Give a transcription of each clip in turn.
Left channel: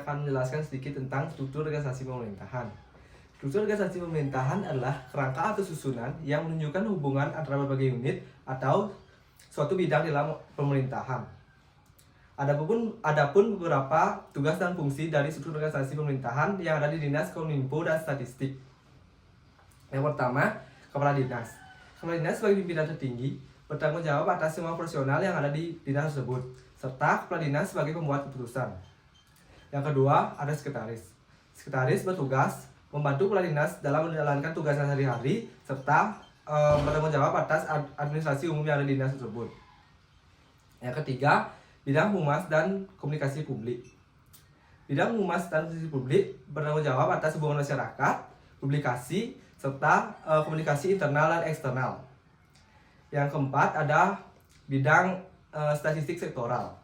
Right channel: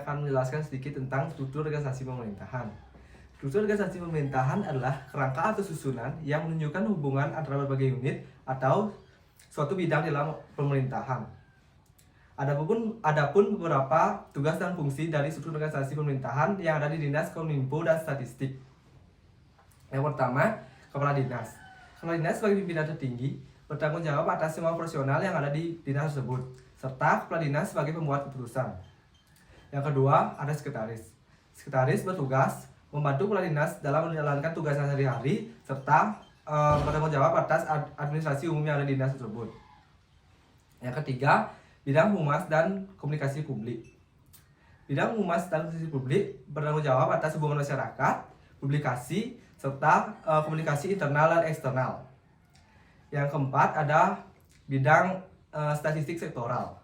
saya akan menjelaskan sedikit tentang struktur organisasi pemerintahan. Struktur organisasi pemerintahan adalah kerangka atau susunan yang menunjukkan hubungan antara berbagai unit atau suatu bidang dalam pemerintahan. Adapun beberapa tugas dan fungsi dari struktur organisasi pemerintahan yang ada di Dinas Kominfo dan Statistik. Yang pertama, Kepala Dinas. Kepala Dinas sebagai pimpinan tertinggi bertanggung jawab atas semua profesional yang ada di dinas tersebut, serta Kepala Dinas sebagai pembuat keputusan. Yang kedua, ada Sekretaris. Sekretaris bertugas membantu Kepala Dinas dalam menjalankan tugasnya sehari-hari, serta bertanggung jawab atas administrasi umum yang ada di dinas tersebut. Yang ketiga, bidang humas dan komunikasi publik. Bidang humas dan komunikasi publik bertanggung jawab atas hubungan masyarakat, publikasi, serta komunikasi internal dan eksternal. Yang keempat, ada bidang statistik sektoral.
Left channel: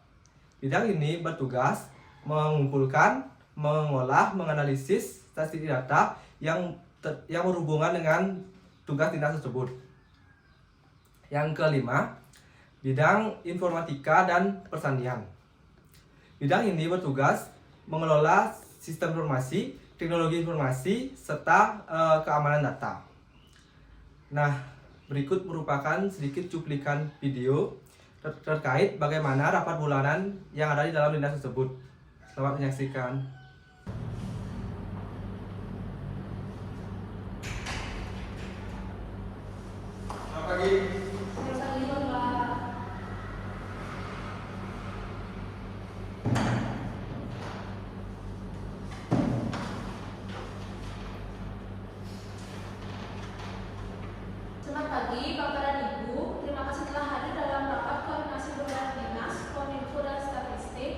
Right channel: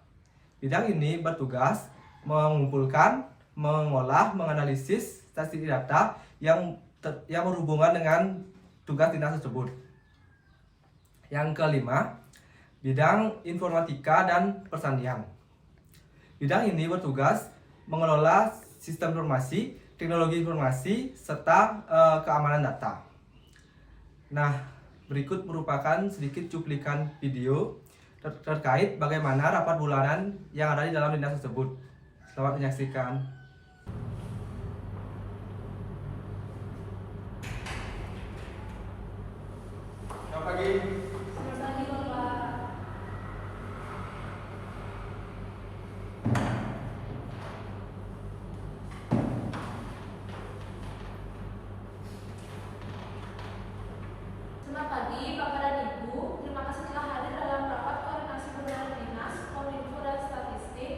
Bidang ini bertugas mengumpulkan, mengolah, menganalisis statistik data yang berhubungan dengan tugas dinas tersebut. Yang kelima, bidang informatika dan persanian. Bidang ini bertugas mengelola sistem informasi, teknologi informasi, serta keamanan data. Nah, berikut merupakan sedikit cuplikan video terkait bagaimana rapat bulanan yang ada di dalam dinas tersebut. Selamat menyaksikan. Selamat pagi. Selamat pagi, Bapak dan Ibu. Terima kasih telah hadir dalam rapat koordinasi bulanan Dinas Kominfo dan Statistik.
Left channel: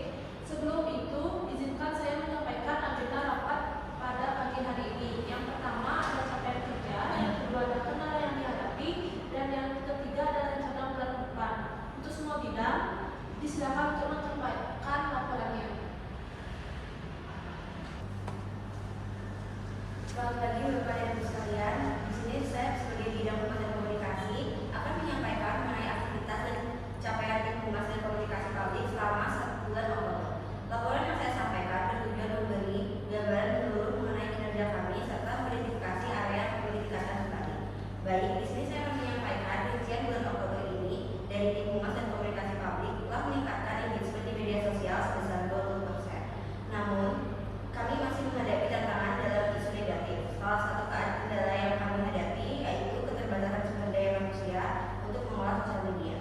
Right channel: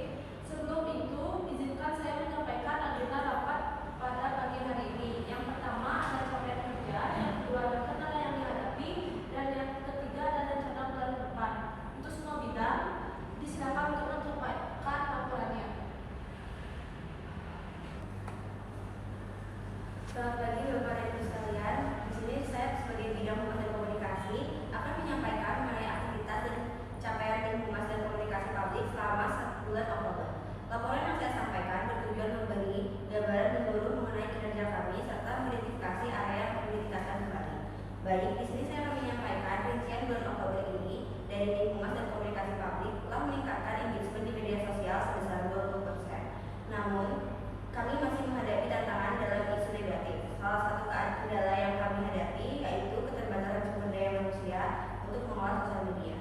Sebelum itu, izinkan saya menyampaikan agenda rapat pada pagi hari ini. Yang pertama ada capaian kerja, yang kedua ada kendala yang dihadapi, dan yang ketiga ada rencana bulan depan. Untuk semua bidang, disilakan untuk menyampaikan laporannya. Selamat pagi Bapak dan Ibu sekalian. Di sini saya sebagai bidang humas dan komunikasi akan menyampaikan mengenai aktivitas dan capaian tim humas dan komunikasi publik selama 1 bulan Oktober. Laporan yang saya sampaikan bertujuan memberi gambaran menyeluruh mengenai kinerja kami serta mengidentifikasi area yang perlu ditingkatkan kembali. Baik, di sini saya akan menyampaikan rincian bulan Oktober ini dari tim humas dan komunikasi publik telah meningkatkan engagement di media sosial sebesar 20%. Namun, kami masih menghadapi tantangan dalam isu negatif. Salah satu kendala yang kami hadapi yaitu keterbatasan sumber daya manusia untuk mengolah sosial media.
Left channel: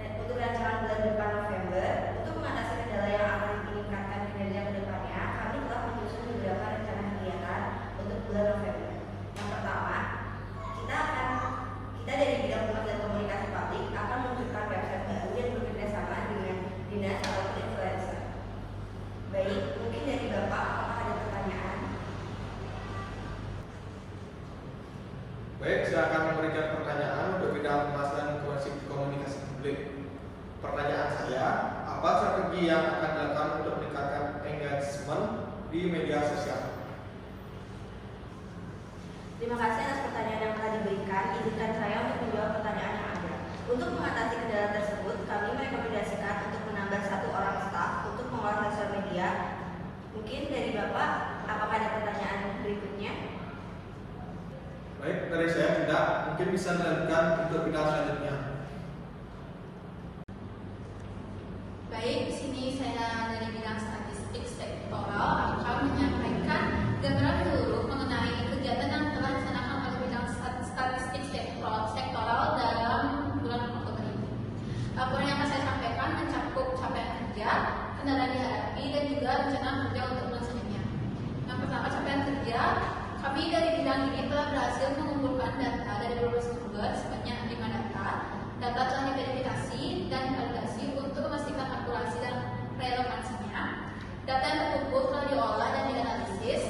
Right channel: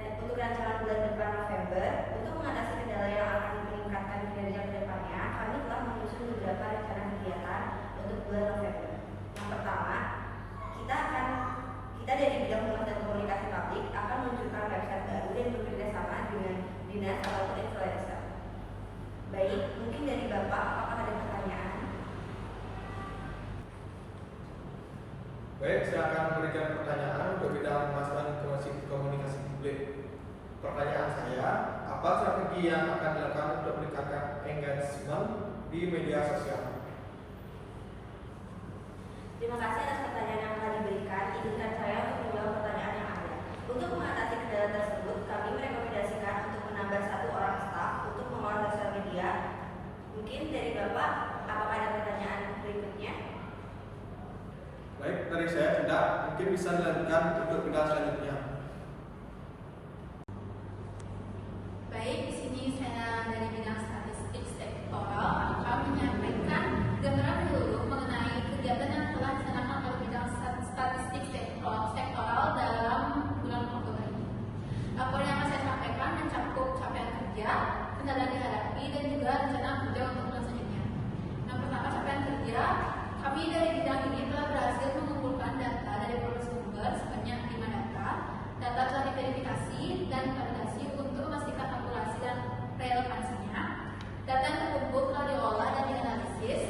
Untuk rancangan bulan depan November, untuk mengatasi kendala yang akan meningkatkan kinerja ke depannya, kami telah menyusun beberapa rencana kegiatan untuk bulan November. Yang pertama, kita dari bidang humas dan komunikasi publik akan meluncurkan website baru dan bekerja sama dengan dinas ataupun influencer. Baik, mungkin dari Bapak, apakah ada pertanyaan? Baik, saya akan memberikan pertanyaan untuk bidang humas dan komunikasi publik. Pertanyaan saya, apa strategi yang akan dilakukan untuk meningkatkan engagement di media sosial? Terima kasih atas pertanyaan yang telah diberikan. Izinkan saya untuk menjawab pertanyaan yang ada. Untuk mengatasi kendala tersebut, kami merekomendasikan untuk menambah 1 orang staf untuk mengolah sosial media. Mungkin dari Bapak, apakah ada pertanyaan berikutnya? Baik, dari saya tidak. Mungkin bisa dilanjutkan untuk bidang selanjutnya. Baik, di sini saya dari bidang statistik sektoral akan menyampaikan gambaran menyeluruh mengenai kegiatan yang telah dilaksanakan oleh bidang statistik sektoral dalam bulan Oktober ini. Laporan yang akan saya sampaikan mencakup capaian kerja, kendala yang dihadapi, dan juga rencana kerja untuk bulan selanjutnya. Yang pertama, capaian kerja. Kami dari bidang ini telah berhasil mengumpulkan data dari beberapa sumber sebanyak 5 data. Data telah diverifikasi dan validasi untuk memastikan akurasi dan relevansinya. Data yang terkumpul telah diolah dan dianalisis.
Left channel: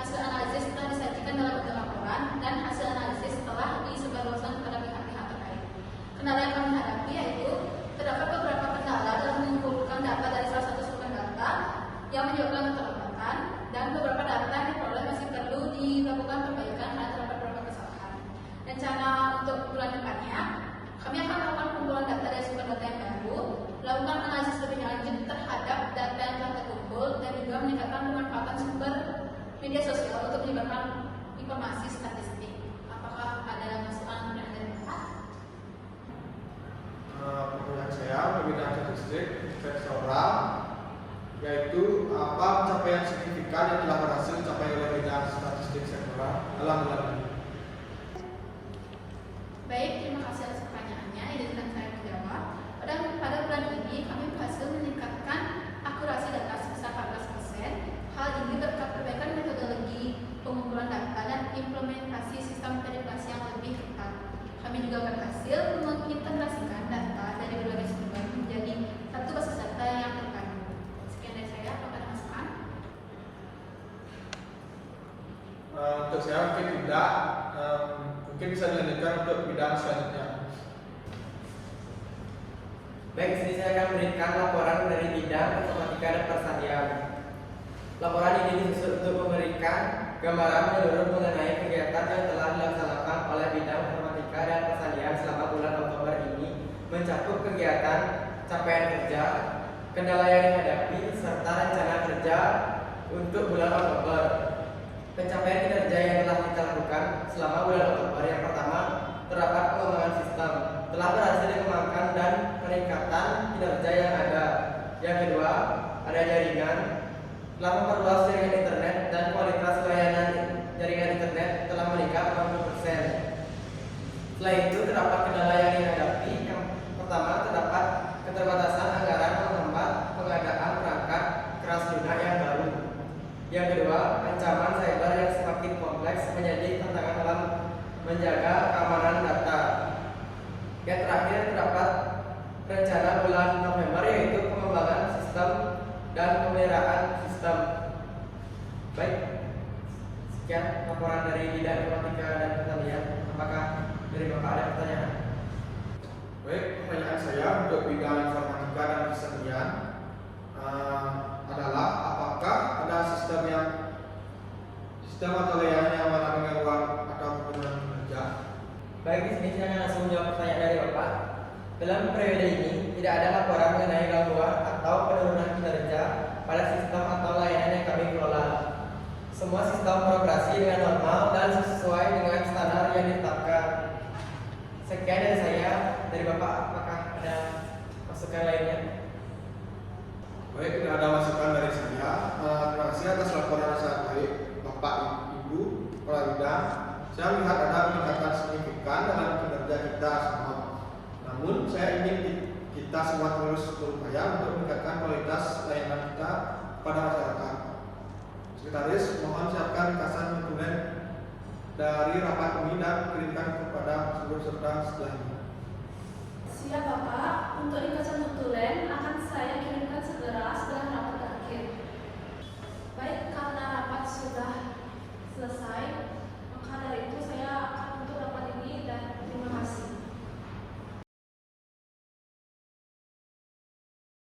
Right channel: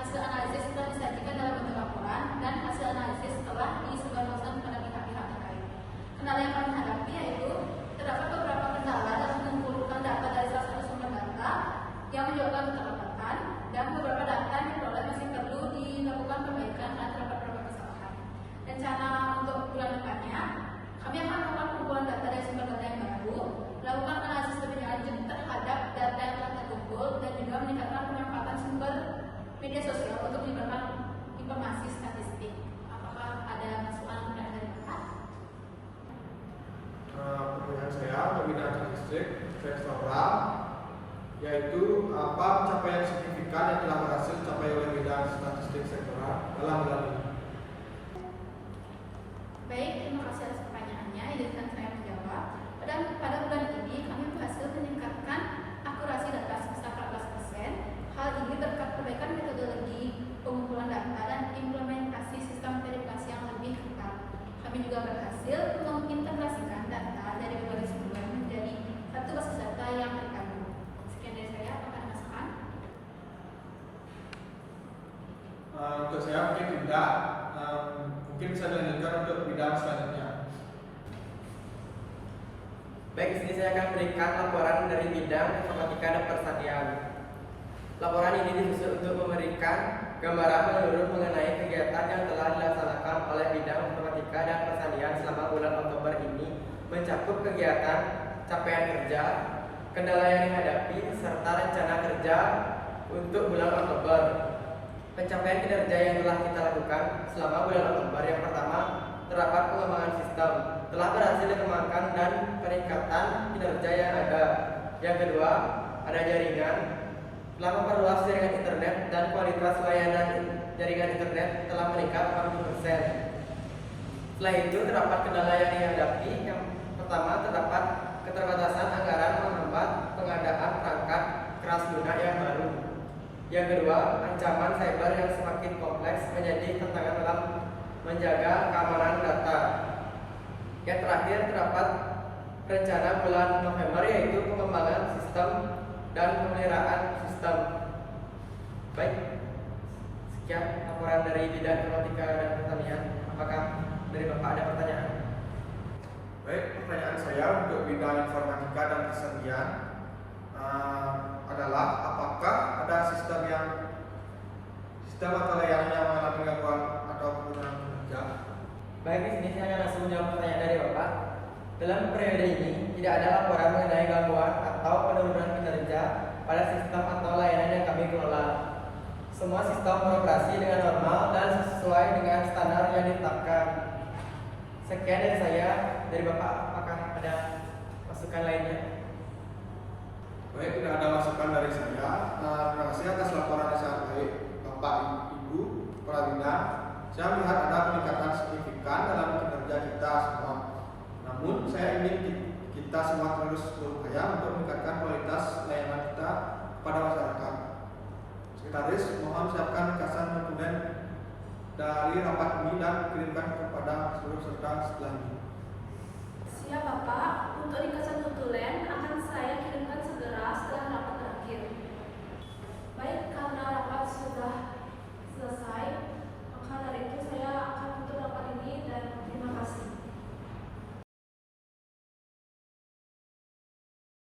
Hasil analisis telah disajikan dalam bentuk laporan dan hasil analisis telah disebarluaskan kepada pihak-pihak terkait. Kendala yang kami hadapi yaitu terdapat beberapa kendala dalam mengumpulkan data dari salah satu sumber data yang menyebabkan keterlambatan, dan beberapa data yang diperoleh masih perlu dilakukan perbaikan karena terdapat beberapa kesalahan. Rencana untuk bulan depannya, kami akan melakukan kumpulan data dari sumber data yang baru, lakukan analisis lebih lanjut terhadap data yang telah terkumpul, dan juga statistik sektoral, yaitu apa pencapaian signifikan yang telah berhasil dicapai oleh bidang statistik sektoral dalam bulan ini. Baik, terima kasih atas pertanyaannya. Izinkan saya menjawab. Pada bulan ini kami berhasil meningkatkan akurasi data sebesar 14%. Hal ini berkat perbaikan metodologi pengumpulan data dan implementasi sistem verifikasi yang lebih ketat. Kami juga berhasil mengintegrasikan data dari berbagai sumber menjadi satu basis data yang terpadu. Sekian dari saya, apakah masukan? Untuk saya mungkin tidak, mungkin bisa dilanjutkan untuk bidang selanjutnya. Baik, di sini saya akan berikan laporan dari bidang informatika dan persadiaan. Laporan ini disusun untuk memberikan gambaran menyeluruh mengenai kegiatan yang telah dilaksanakan oleh bidang informatika dan persadiaan selama bulan Oktober ini, mencakup kegiatan, capaian kerja, kendala yang dihadapi, serta rencana kerja untuk bulan Oktober. Pencapaian kinerja yang telah kita lakukan selama bulan Oktober: yang pertama, terdapat pengembangan sistem, telah berhasil dikembangkan dan peningkatan kinerja yang ada. Yang kedua, ada jaringan, telah memperluas jaringan internet dan kualitas layanan jaringan internet telah meningkat 80%. Setelah itu, terdapat kendala yang dihadapi. Yang pertama, terdapat keterbatasan anggaran menghambat pengadaan perangkat keras lunak yang baru. Yang kedua, ancaman cyber yang semakin kompleks menjadi tantangan dalam menjaga keamanan data. Yang terakhir, terdapat rencana bulan November, yaitu pengembangan sistem dan pemeliharaan sistem. Baik, sekian laporan dari bidang informatika dan pertanian. Apakah dari Bapak ada pertanyaan? Baik, pertanyaan saya untuk bidang informatika dan persediaan adalah apakah ada sistem atau layanan yang mengalami gangguan atau penurunan kinerja? Baik, di sini saya akan langsung menjawab pertanyaan dari Bapak. Dalam periode ini tidak ada laporan mengenai gangguan atau penurunan kinerja pada sistem atau layanan yang kami kelola. Semua sistem beroperasi dengan normal dan sesuai dengan standar yang ditetapkan. Sekian dari saya. Dari Bapak, apakah ada masukan lainnya? Baik, tidak ada masukan dari saya. Terima kasih atas laporan yang sangat baik Bapak Ibu Kepala Bidang. Saya melihat ada peningkatan signifikan dalam kinerja kita semua. Namun saya ingin kita semua terus berupaya untuk meningkatkan kualitas layanan kita kepada masyarakat. Sekretaris, mohon siapkan ringkasan dokumen dari rapat ini dan kirimkan kepada seluruh peserta setelah ini. Siap Bapak, untuk ringkasan notulen akan saya kirim